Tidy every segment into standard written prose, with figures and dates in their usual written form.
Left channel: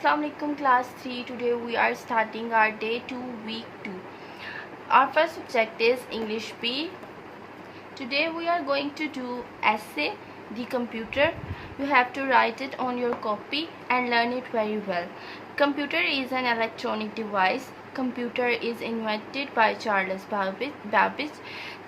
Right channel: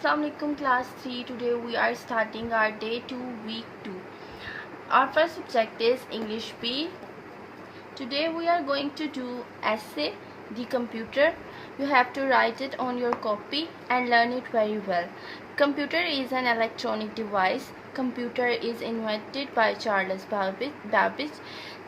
Assalamu alaikum class 3. Today we are starting our day 2 week 2. Our first subject is English B. Today we are going to do essay the computer. You have to write it on your copy and learn it very well. Computer is an electronic device. Computer is invented by Charles Babbage.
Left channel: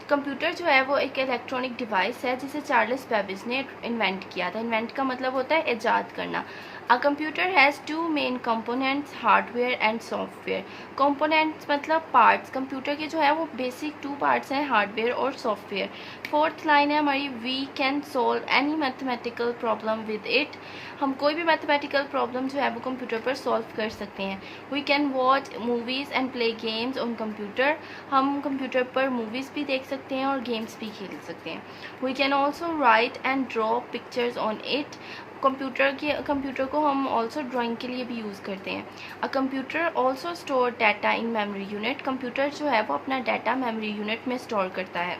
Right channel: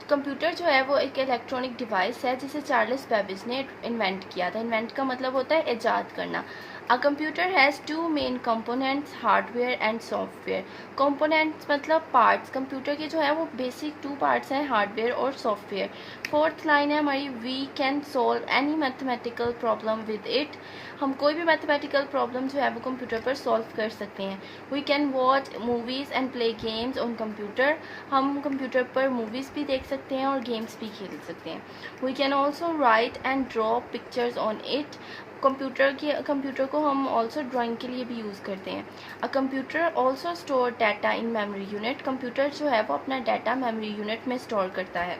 Computer जो है वो एक electronic device है जिसे Charles Babbage ने invent किया था. Invent का मतलब होता है ईजाद करना. A computer has two main components, hardware and software. Components मतलब पार्ट्स. कंप्यूटर के जो है वो बेसिक 2 पार्ट्स हैं, हार्डवेयर और सॉफ्टवेयर. फोर्थ लाइन है हमारी, we can solve any mathematical problem with it. हम कोई भी मैथमेटिकल प्रॉब्लम जो है वो कंप्यूटर पर सॉल्व कर सकते हैं. We can watch movies and play games on computer. हम कंप्यूटर पर मूवीज़ भी देख सकते हैं और गेम्स भी खेल सकते हैं. We can also write and draw pictures on it. Computer को हम ऑल्सो ड्राइंग के लिए भी यूज़ करते हैं. A computer also store data in memory unit. Computer जो है वो अपना डाटा मेमोरी यूनिट में स्टोर करता है.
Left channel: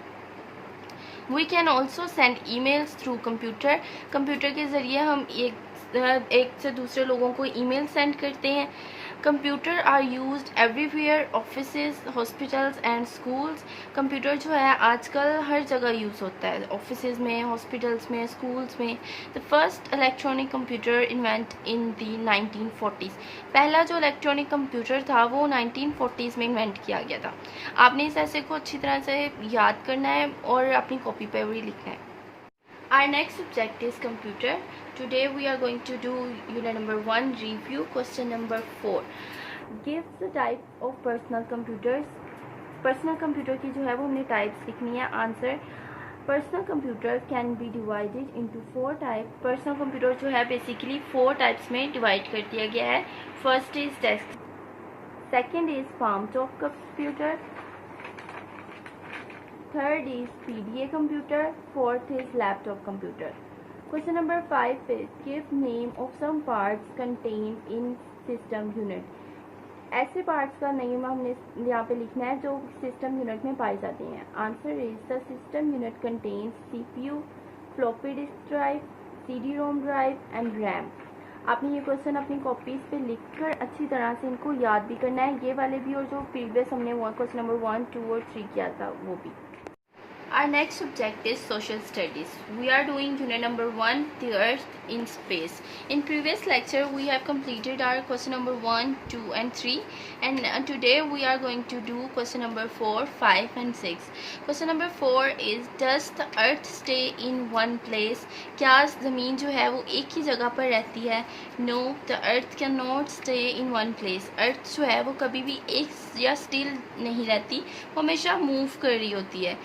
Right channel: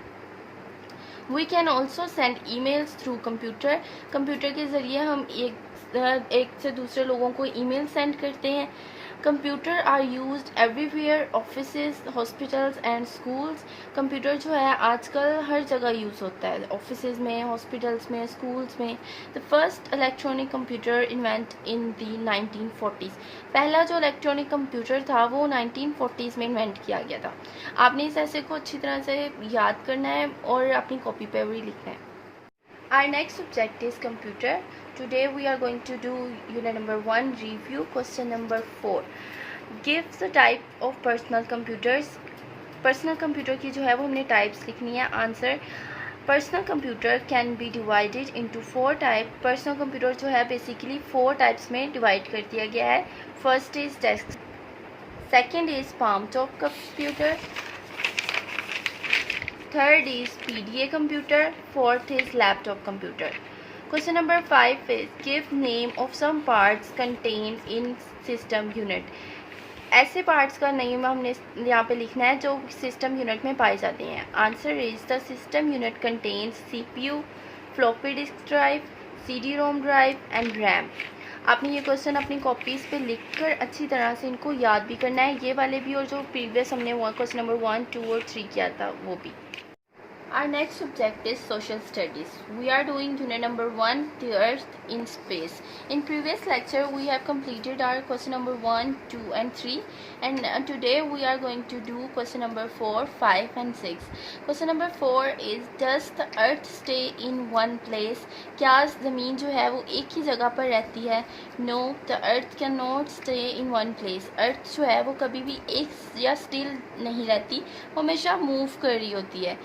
We can also send emails through computer. Computer के ज़रिए हम एक से दूसरे लोगों को ईमेल सेंड करते हैं. Computer are used everywhere, offices, hospitals and schools. Computer जो है आजकल हर जगह यूज़ होता है, ऑफिसेज में, हॉस्पिटल्स में, स्कूल्स में. The first electronic computer invent in the 1940s. पहला जो इलेक्ट्रॉनिक कंप्यूटर था वो 1940s में इन्वेंट किया गया था. आपने इस ऐसे को अच्छी तरह से याद करना है और अपनी कॉपी पर भी लिखना है. Our next subject is computer. Today we are going to do unit number 1 review. Question number 4. Give the type of personal computers. Personal computer की जो है वो हमने types लिखनी है. Answer. Personal computer can be divided into 4 types. Personal computer जो है basically 4 types में divide कर दिया गया है. First is desk. Second is palm top computer. Third is PDA computer. Fourth is laptop computer. Question number 5 is give name of some parts contained in system unit. ऐसे parts का name हमने यहाँ पे लिखना है जो सिस्टम यूनिट में पाए जाते हैं. Answer is the system unit contains CPU, floppy disk drive, CD-ROM drive and RAM. आपने ये क्वेश्चन अपनी कॉपीज़ पे लिखकर अच्छी तरह से इनको याद भी करना है, ये वाले भी और जो प्रीवियस हमने क्वेश्चन नंबर 1, 2 और 3 किया था वो भी. Our next subject is social studies. We are doing unit number 1, the earth in space. In previous lecture we have completed our question number 1, 2 and 3 and today we are going to do question number 4, 5 and 6. Question number 4 is does the earth stay in one place? क्या ज़मीन जो है वो एक ही जगह पर रहती है? No, the earth cannot stay in one place. earth जो है वो कभी भी एक या स्टिल नहीं रहती, हमेशा मूव कर रही होती है,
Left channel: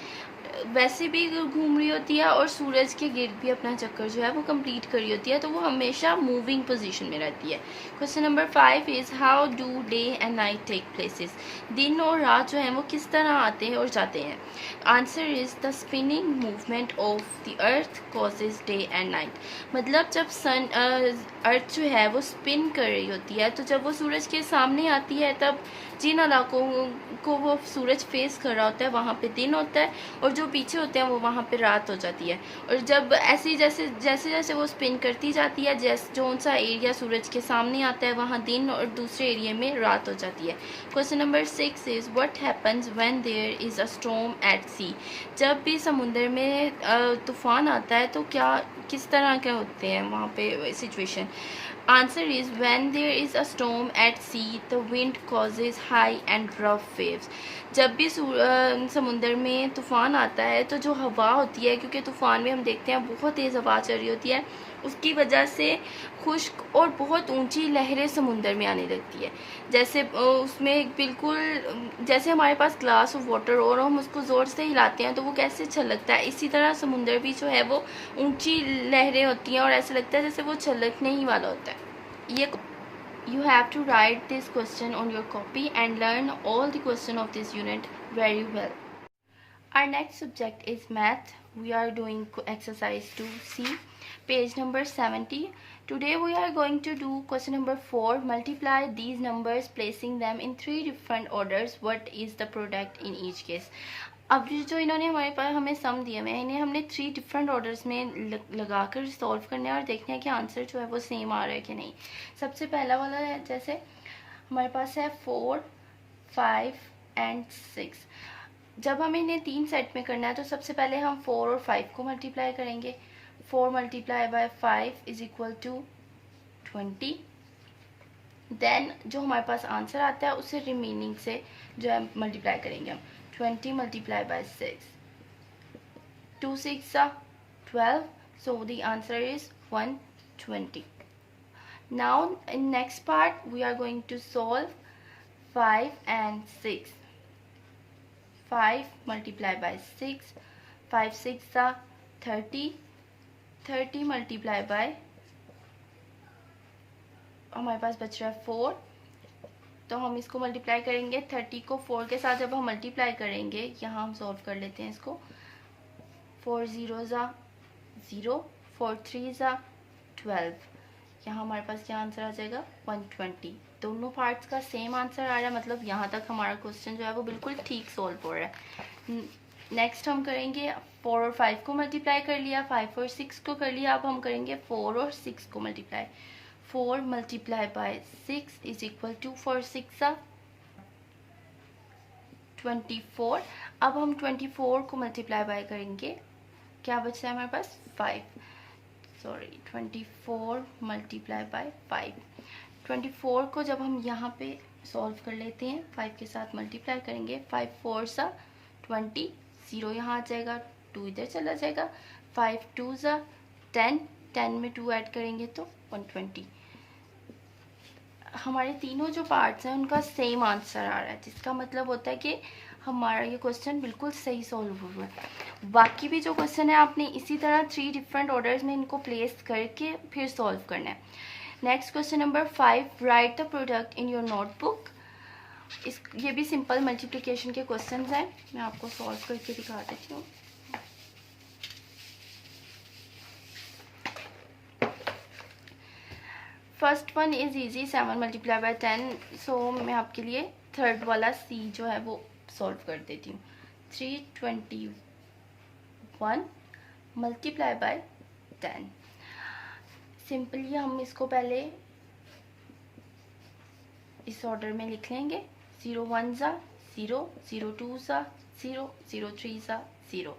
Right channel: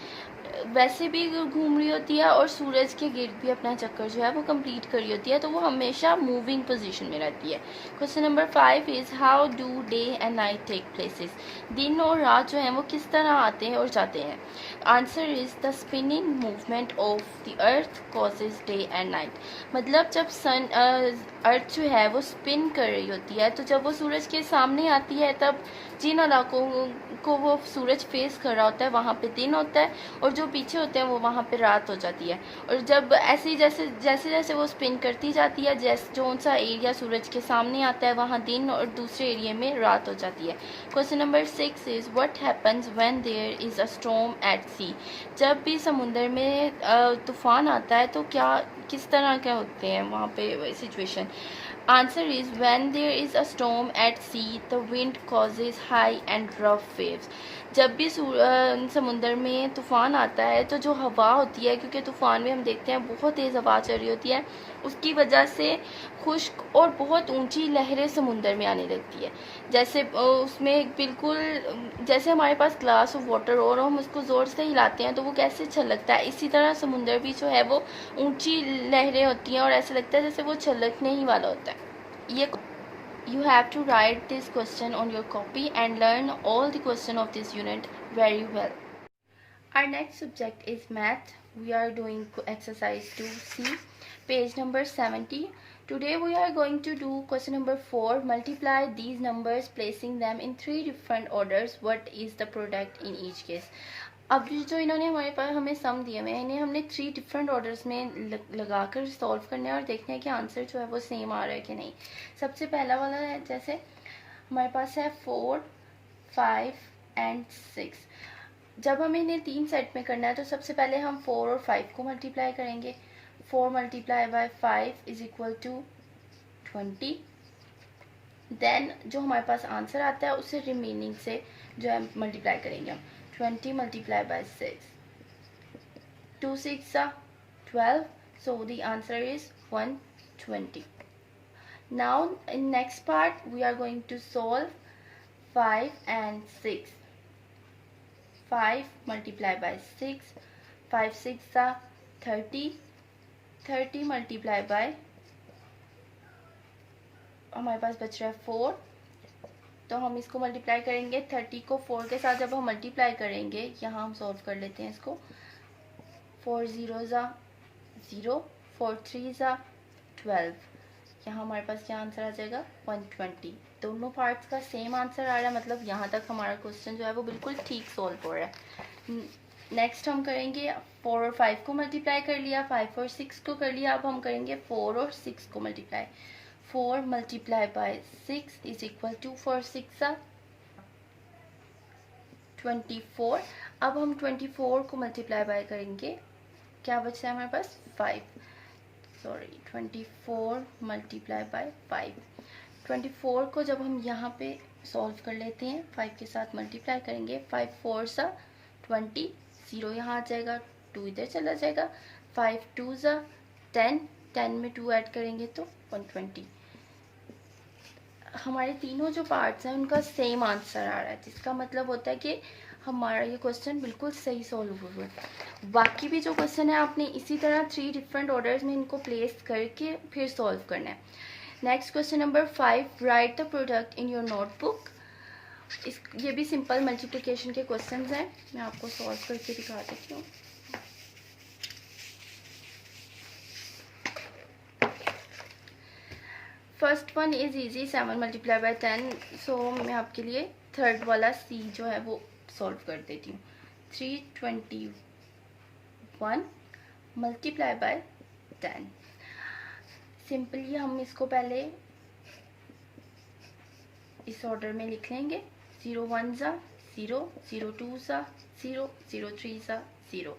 वैसे भी घूम रही होती है और सूरज के गिर्द भी अपना चक्कर जो है वो कंप्लीट कर रही होती है, तो वो हमेशा मूविंग पोजीशन में रहती है. Question number 5 is how do day and night take places. दिन और रात जो है वो किस तरह आते हैं और जाते हैं. Answer is the spinning movement of the earth causes day and night. मतलब जब अर्थ जो है वो स्पिन कर रही होती है तो जब वो सूरज के सामने आती है तब जिन इलाकों को वो सूरज फेस कर रहा होता है वहाँ पे दिन होता है और जो पीछे होते हैं वो वहाँ पे रात हो जाती है. और जब ऐसे जैसे जैसे वो स्पिन करती जाती है, जो सा एरिया सूरज के सामने आता है वहाँ दिन और दूसरे एरिया में रात हो जाती है. Question number 6 is what happens when there is a storm at sea. जब भी समुंदर में तूफान आता है तो किस तरह के होते हैं वहाँ पे situation. Answer is when there is a storm at sea, the wind causes high and rough waves. जब भी समुंदर में तूफ़ान आता है तो जो हवा होती है, क्योंकि तूफ़ान में हम देखते हैं बहुत तेज़ हवा चल रही होती है, उसकी वजह से खुश्क और बहुत ऊंची लहरें समुंदर में आने लगती है. जैसे उसमें बिल्कुल जैसे हमारे पास ग्लास ऑफ वाटर और हम उसको ज़ोर से हिलाते हैं तो वो कैसे छलकता है, इसी तरह समुंदर भी जो है वो ऊंची लहरें होती हैं और ऐसा लगता है जैसे वो छलकने ही वाला होता है. ये You have to write this question on your copy and learn all the question of this unit very well. Our next subject is math. We are doing exercise 2C, page number 70. Today we are going to do question number 4. Multiply these numbers placing them in 3 different orders. What is the product in each case? अब जो इन्होंने हमारे पास हमें सम दिए हुए हैं, इन्हें हमने 3 डिफरेंट ऑर्डर्स में लगाकर सॉल्व करना है और देखना है कि आंसर जो है वो सेम आ रहा है कि नहीं। सबसे पहला वाला है, जैसे हमारे पास है 4, 5 एंड 6। जब हमें इन्हें 3 सेट में करना है तो सबसे पहले हम 4 और 5 को मल्टीप्लाई करेंगे। 4 multiply by 5 is equal to 20। Then जो हमारे पास आंसर आता है उसे रिमेनिंग से जो है मल्टीप्लाई करेंगे हम। 20 multiply by 6, 2 6 are 12, so the answer is 120. Now in next part we are going to solve 5 and 6. 5 multiplied by 6, 5 6 are 30, 30 multiplied by, हमारे पास बच रहा है 4, तो हम इसको मल्टीप्लाई करेंगे 30 को 4 के साथ। जब हम मल्टीप्लाई करेंगे, यहाँ हम सॉल्व कर लेते हैं इसको। 4 zeros are 0, 4 3s are 12। यहाँ हमारे पास क्या आंसर आ जाएगा 120। दोनों पार्ट्स का सेम आंसर आ रहा है, मतलब यहाँ तक हमारा क्वेश्चन जो है वो बिल्कुल ठीक सॉल्व हो रहा है। नेक्स्ट हम करेंगे 4 और 5 को मल्टीप्लाई कर लिया, 5 और 6 को कर लिया। अब हम करेंगे 4 और 6 को multiply. 4 multiply by 6 is equal to 4 6 are 24। अब हम 24 को मल्टीप्लाई बाय करेंगे, क्या बच रहा है हमारे पास 5, सॉरी 24 मल्टीप्लाई बाय 5। 24 को जब हम यहाँ पे सॉल्व कर लेते हैं, 5 के साथ मल्टीप्लाई करेंगे, 5 4 सा 20, 0 यहाँ आ जाएगा, 2 इधर चला जाएगा, 5 2 सा 10, 10 में 2 ऐड करेंगे तो 120। हमारे तीनों जो पार्ट्स हैं उनका सेम आंसर आ रहा है, जिसका मतलब होता है कि हमारा ये क्वेश्चन बिल्कुल सही सॉल्व हुआ है। बाकी भी जो क्वेश्चन है आपने इसी तरह 3 डिफरेंट ऑर्डर्स में इनको प्लेस करके फिर सॉल्व करना है। Next question number 5, right the product in your notebook. ये भी सिंपल मल्टीप्लिकेशन के क्वेश्चन हैं, मैं आपको सॉल्व करके दिखा देती हूँ। First one is easy, 7 multiply by 10। सो मैं आपके लिए थर्ड वाला सी जो है वो सॉल्व कर देती हूँ। 321 मल्टीप्लाई बाय 10। सिंपली हम इसको पहले इस ऑर्डर में लिख लेंगे। 0 1 ज़ा 0, 0 2 ज़ा 0, 0 3 ज़ा 0।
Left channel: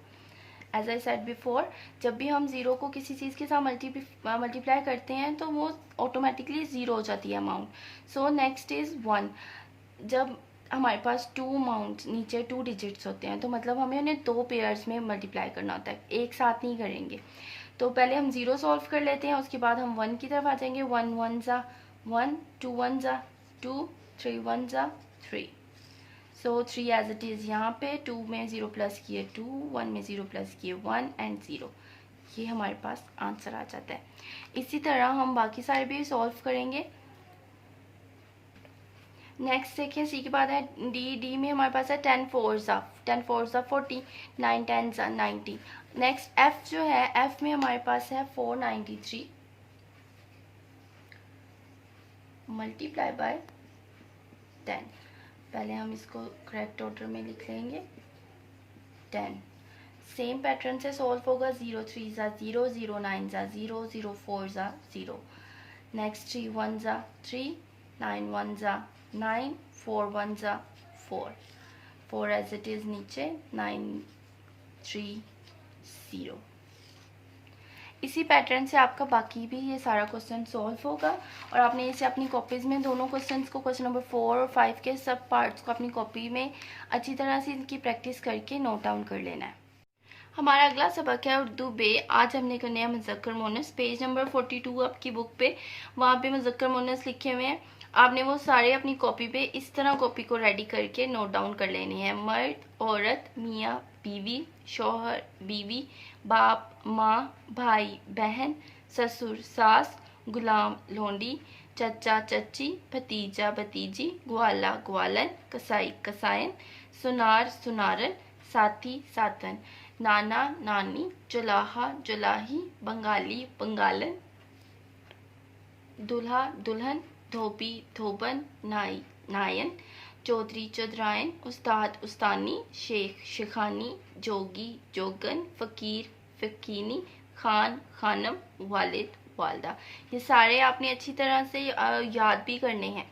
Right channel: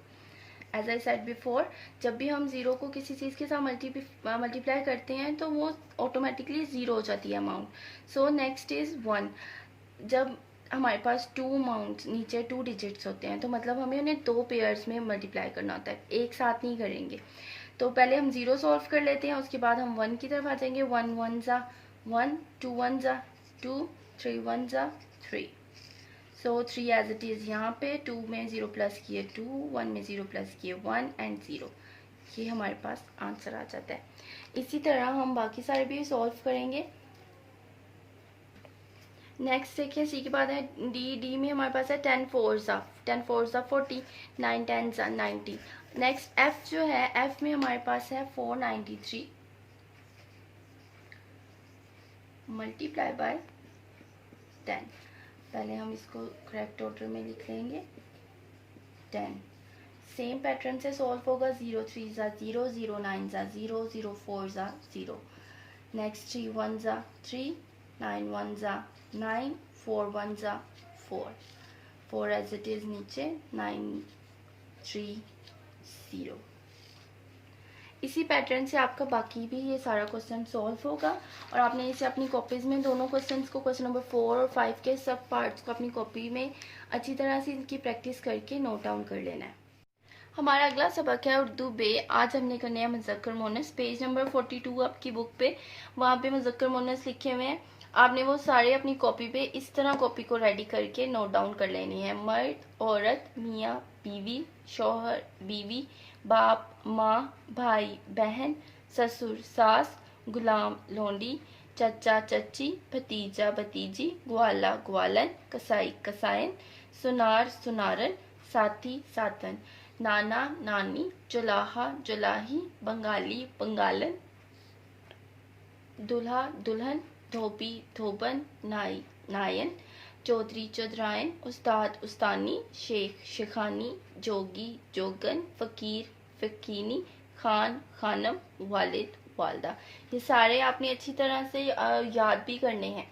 एज आई सेड बिफोर, जब भी हम 0 को किसी चीज़ के साथ मल्टीप्लाई करते हैं तो वो ऑटोमेटिकली 0 हो जाती है अमाउंट। So next is 1। जब हमारे पास 2 अमाउंट नीचे 2 डिजिट्स होते हैं तो मतलब हमें उन्हें 2 पेयर्स में मल्टीप्लाई करना होता है, एक साथ नहीं करेंगे। तो पहले हम 0 सॉल्व कर लेते हैं, उसके बाद हम 1 की तरफ आ जाएंगे। 1 1 ज़ा 1, 2 1 ज़ा 2, 3 1 ज़ा 3। सो 3 एज इट इज़ यहाँ पे, 2 में 0 प्लस किए 2, 1 में 0 प्लस किए 1 एंड 0। ये हमारे पास आंसर आ जाता है। इसी तरह हम बाकी सारे भी सॉल्व करेंगे। नेक्स्ट देखिए, सी के बाद है डी। डी में हमारे पास है 10 4 ज़ा 40, 9 10 ज़ा 90। नेक्स्ट एफ जो है, एफ में हमारे पास है 493 मल्टीप्लाई बाय 10। पहले हम इसको करेक्ट ऑर्डर में लिख लेंगे 10। सेम पैटर्न से सॉल्व होगा। 0 3 ज़ा 0, 0 9 ज़ा 0, 0 4 ज़ा 0। नेक्स्ट 3 1 ज़ा 3, 9 1 ज़ा 9, 4 1 ज़ा 4, 4 एज इट इज़ नीचे, 9 3 0। इसी पैटर्न से आपका बाकी भी ये सारा क्वेश्चन सॉल्व होगा और आपने इसे अपनी कॉपीज़ में दोनों क्वेश्चंस को, क्वेश्चन नंबर 4 और 5 के सब पार्ट्स को अपनी कॉपी में अच्छी तरह से इनकी प्रैक्टिस करके नोट डाउन कर लेना है। हमारा अगला सबक है उर्दू बे। आज हमने करने हैं मुज़क्कर मुअन्नस। पेज नंबर 42 आपकी बुक पे, वहाँ पे मुज़क्कर मुअन्नस लिखे हुए हैं। आपने वो सारे अपनी कॉपी पे इस तरह कॉपी को रेडी करके नोट डाउन कर लेनी है। मर्द, औरत, मियाँ, बीवी, शौहर, बीवी, बाप, माँ, भाई, बहन, ससुर, सास, गुलाम, लोंडी, चचा, चची, भतीजा, भतीजी, ग्वाला, ग्वालन, कसाई, कसायन, सुनार, सुनारन, साथी, साथन, नाना, नानी, जुलाहा, जुलाही, बंगाली, बंगालन, दूल्हा, दुल्हन, धोबी, धोबन, नाई, नायन, चौधरी चौधराइन, उस्ताद उस्तानी, शेख शेखानी, जोगी जोगन, फ़कीर फ़कीनी, खान खानम, वालिद वालदा। ये सारे आपने अच्छी तरह से याद भी करने हैं।